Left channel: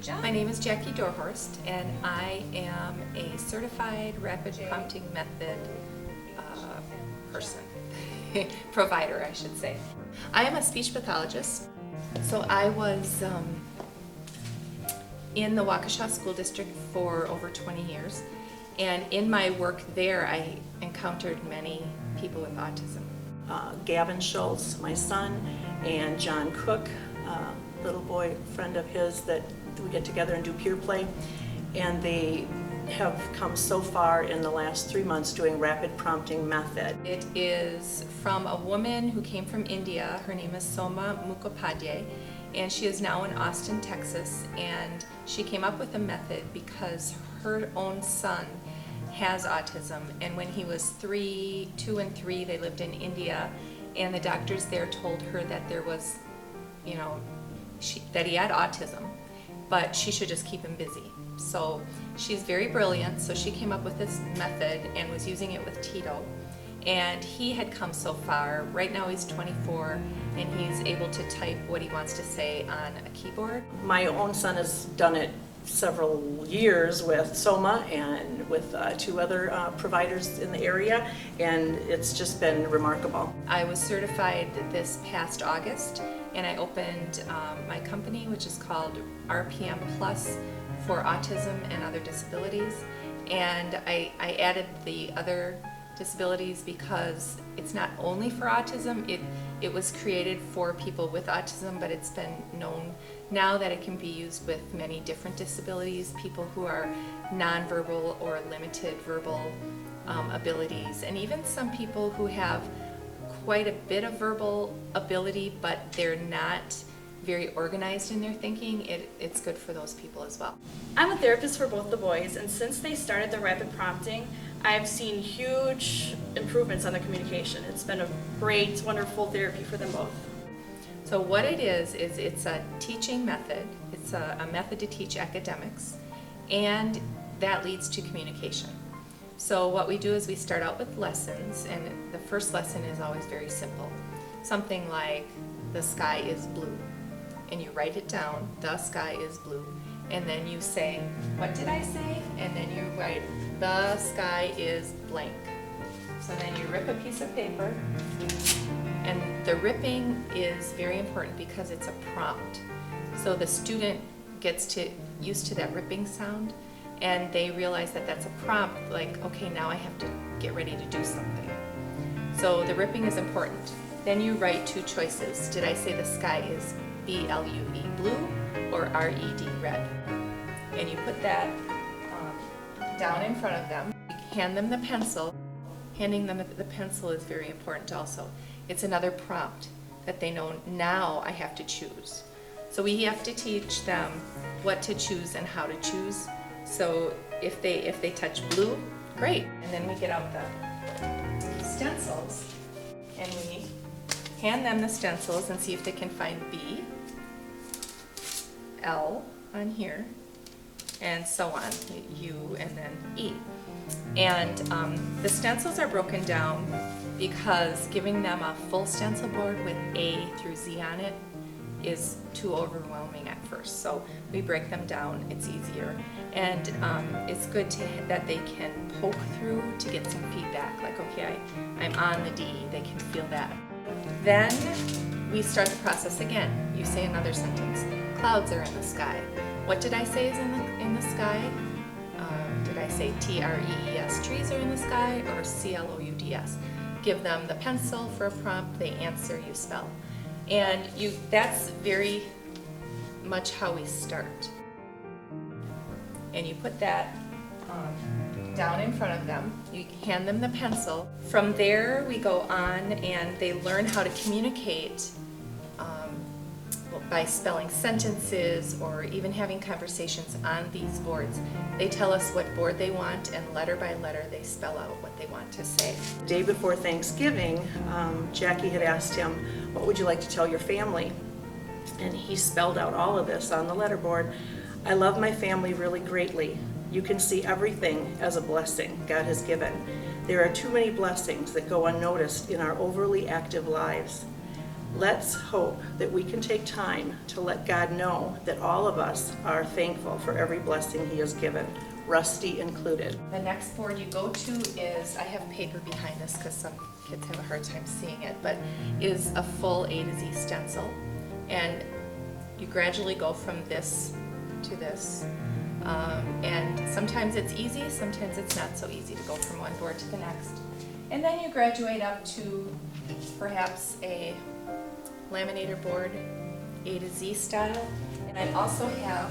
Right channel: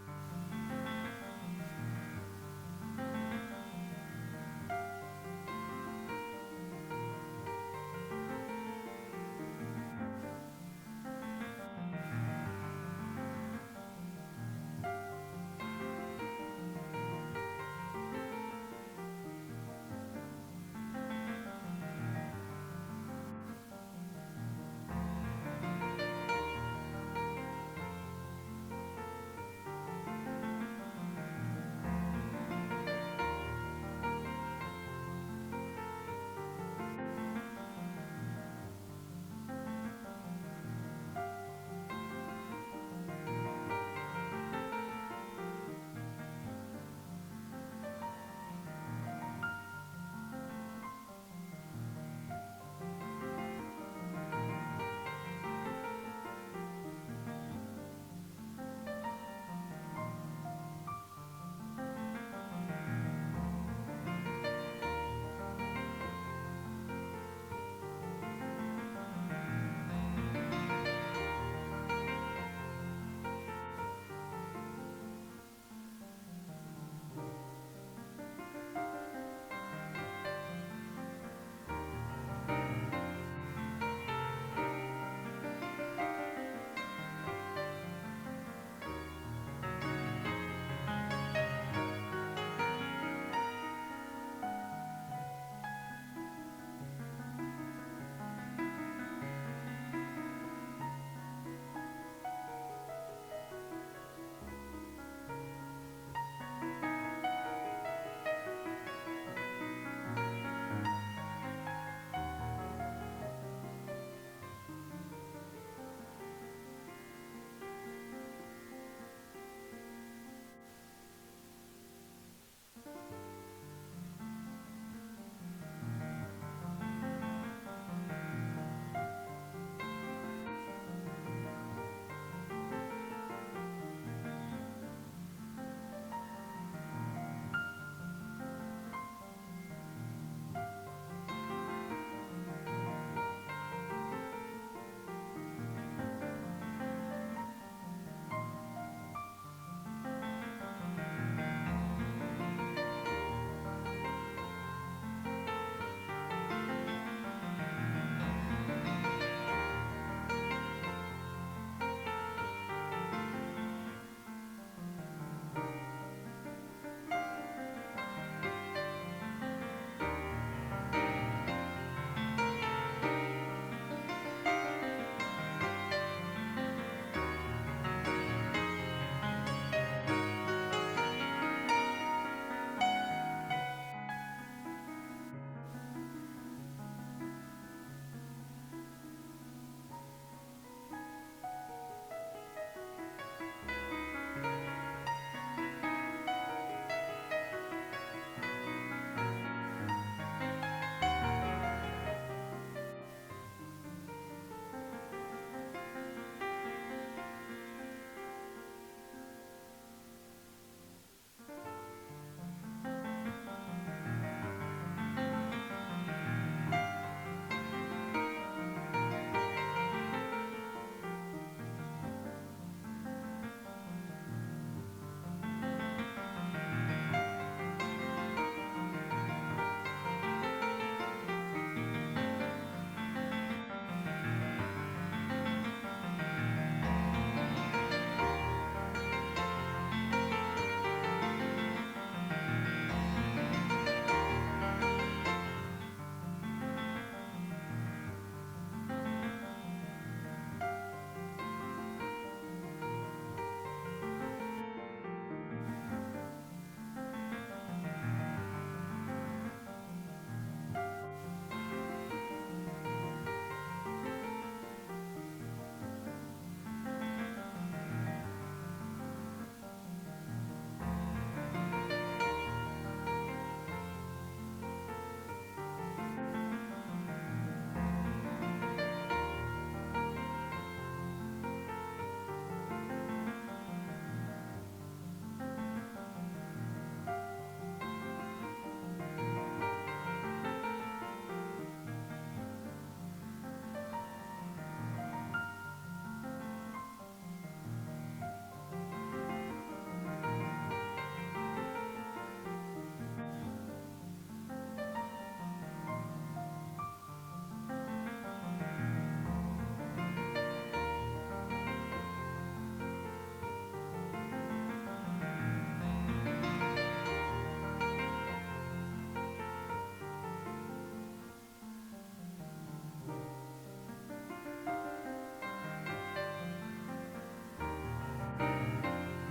Good job. My name is Jackie Dorhorst, and I am a certified rapid prompting method person, provider, I should say. I am a speech pathologist, so I was in the Waukesha School District for over 20 years, and in my work there, I encountered many people with autism. Gavin Schultz, my son, and John Cook, little boy friend of his that we get together and do peer play, and they have come so far in the last 3 months doing rapid prompting method. It is from a woman who came from India. Her name is Soma Mukhopadhyay, and she is now in Austin, Texas, and she came up with a method because her own son has autism, and when he was 2 and 3, they lived in India, and the doctors there told her that there was, that he had autism, but she should just keep him busy. So she's very brilliant, so she came up with this method and was using it with Tito, and he had come so far. Right now he's 24, and he's able to type what he wants to say on a keyboard. My own son has done it several years with Soma and with 2 other providers in the area, and it's just been remarkable. I was certified this past August, and I opened my company, which is called RPM Plus for Autism and Other Disabilities, and I added the other disabilities because it's not only for autism. It was created for people with autism, but it's been known now that it can be used with many different disabilities, people who are nonverbal or limited verbal abilities, and even some people who have quite a bit of verbal ability, but they're not very organized in their thinking. It's good for those people as well. I'm a therapist for both the boys, and since they started the rapid prompting, I've seen huge improvements on their communication. It's been a great, wonderful therapy for them both. So what it is it's a teaching method. It's a method to teach academics, and that leads to communication. So what we do is we start out with lessons, and the first lesson is always very simple. Something like, the sky is blue. And you write it down, the sky is blue. And then you say, what did I say? And then you write, the sky is blank. So then you rip a piece of paper, and the ripping is very important because it's a prompt. So the student gets used to that ripping sound, and they realize that that's a prompt, like, okay, now I have to get ready to do something. So the ripping is important. Then you write 2 choices. Did I say the sky is B-L-U-E, blue, or R-E-D, red? And you put that down in front of them. You hand them the pencil. Handing them the pencil is very important also. It's another prompt that they know, now I have to choose. So we have to teach them what to choose and how to choose. So if they touch blue, great. And then we get out the stencils, and we hand them the stencils and see if they can find B, L on here, and so on, U, and then E. And the stencils are broken down because giving them a full stencil board with A through Z on it is too overwhelming at first. So we break them down, it's easier. And it's good that they can poke through to get some feedback, like, okay, I'm on the D, they can feel that. Then we start the process again. You say another sentence. Clouds are in the sky. What did I say is in the sky? Did I say T-R-E-E-S, trees are in the sky, or C-L-O-U-D-S? Give them the pencil for a prompt, they answer, you spell. And that's very much how we start. And you put that down in front of them. You hand them the pencil. From there, we go on and they learn how to communicate by spelling sentences or even having conversations on these boards. They tell us what board they want, and letter by letter they spell out what they want to say. The day before Thanksgiving, Jackie had asked him, what would you like to tell your family? And he spelled out all of this on the letterboard. I love my family really greatly. You can see everything as a blessing God has given. There are too many blessings that go unnoticed in our overly active lives. Let's hope that we can take time to let God know that all of us are thankful for every blessing He has given, Rusty included. The next board you go to is, I have paper behind this because some kids have a hard time seeing it, but is a full A to Z stencil. And you gradually go from this to this. And sometimes it's easy, sometimes it's not so easy to go from one board to the next. And then you graduate up to perhaps a laminator board, A to Z style. And I also have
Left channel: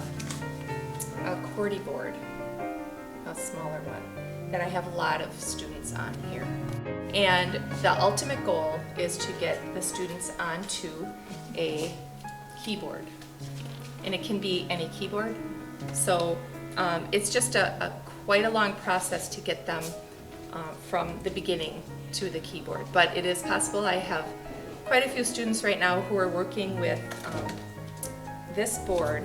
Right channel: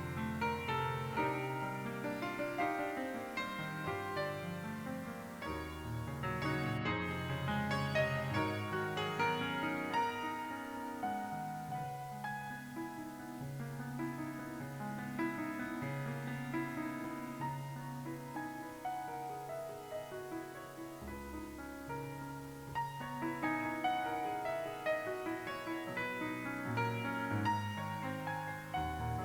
a QWERTY board, a smaller one, that I have a lot of students on here. And the ultimate goal is to get the students onto a keyboard. And it can be any keyboard. So it's just quite a long process to get them from the beginning to the keyboard. But it is possible. I have quite a few students right now who are working with this board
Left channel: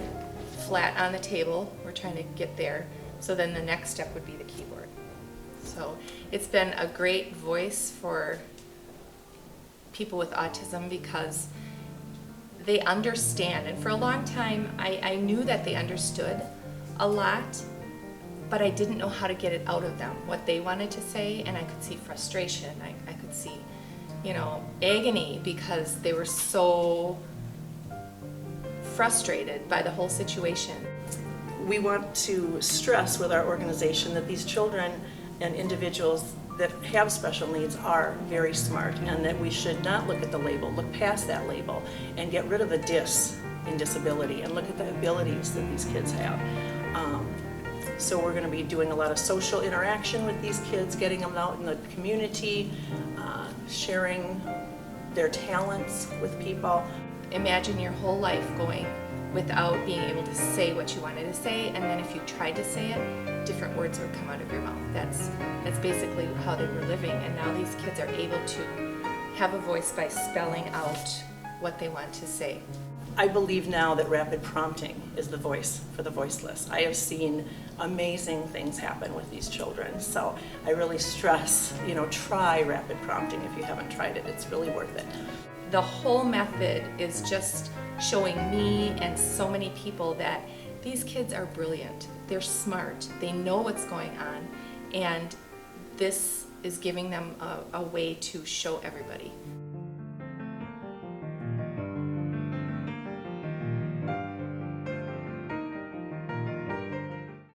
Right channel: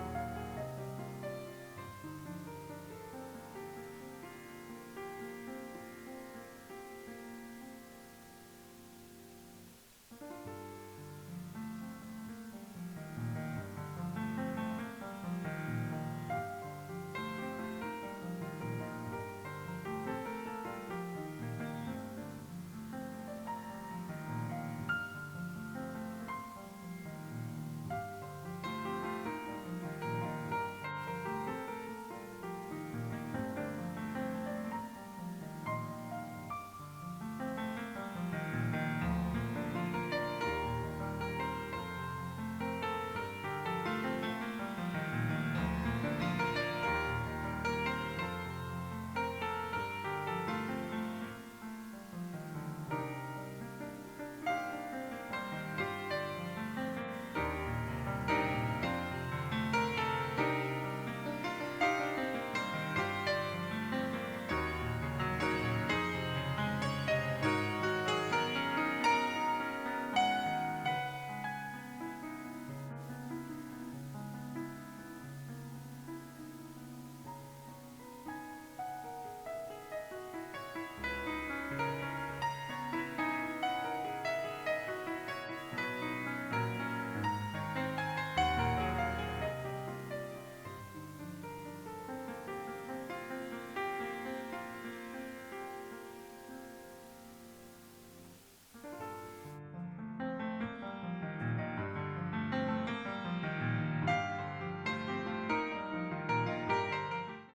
flat on the table. We're trying to get there. So then the next step would be the keyboard. So it's been a great voice for people with autism because they understand. And for a long time, I knew that they understood a lot, but I didn't know how to get it out of them, what they wanted to say, and I could see frustration. I could see, agony because they were so frustrated by the whole situation. We want to stress with our organization that these children and individuals that have special needs are very smart, and that we should not look at the label, look past that label, and get rid of the dis in disability and look at the abilities that these kids have. So we're going to be doing a lot of social interaction with these kids, getting them out in the community, sharing their talents with people. Imagine your whole life going without being able to say what you wanted to say, and then if you tried to say it, different words would come out of your mouth. That's basically how they were living, and now these kids are able to have a voice by spelling out what they want to say. I believe now that rapid prompting is the voice for the voiceless. I have seen amazing things happen with these children, so I really stress, try rapid prompting if you haven't tried it. It's really worth it. The whole method is just showing me and so many people that these kids are brilliant. They're smart. They know what's going on, and this is giving them a way to show everybody.